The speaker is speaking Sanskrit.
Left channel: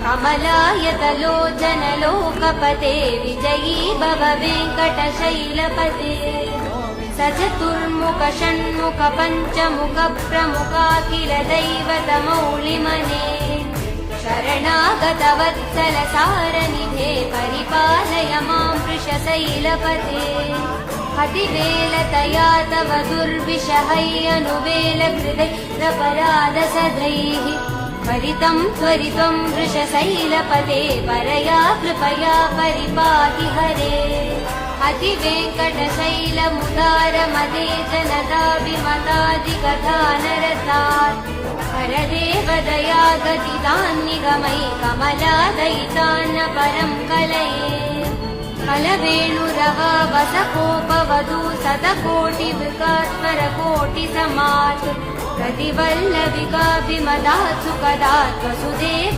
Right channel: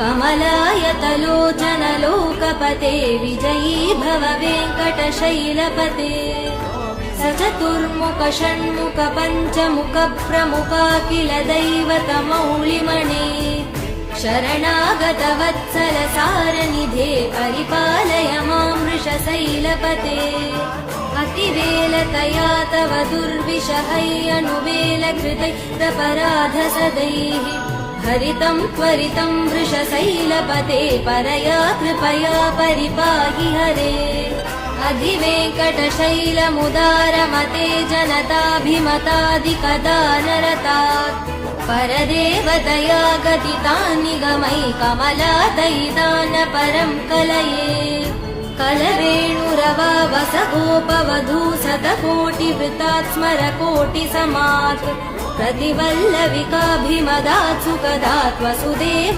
कमलायतलोचनलोकपते विजयी भव वेङ्कटशैलपते सचतुर्मुख षण्मुख पञ्चमुख प्रमुखाखिल दैवतमौलिमणे शरणागत वत्सल सारनिधे परिपालय मां वृषशैलपते अतिवेलतया तव दुर्विषहैरनुवेल धृतैरपराध सदैः हरितं त्वरितं वृषशैलपते परया कृपया परिपाहि हरे अधिवेङ्कटशैलमुदारमते जनताभिमतादिकदानरतात् परदेवतया गदितान्निगमै कमलादयितान परं कलये कलवेणुरवावसकोपवधू शतकोटिवृतात् स्मरकोटिसमात् प्रतिवल्लविकाभिमदात् सुपदात् वसुदेव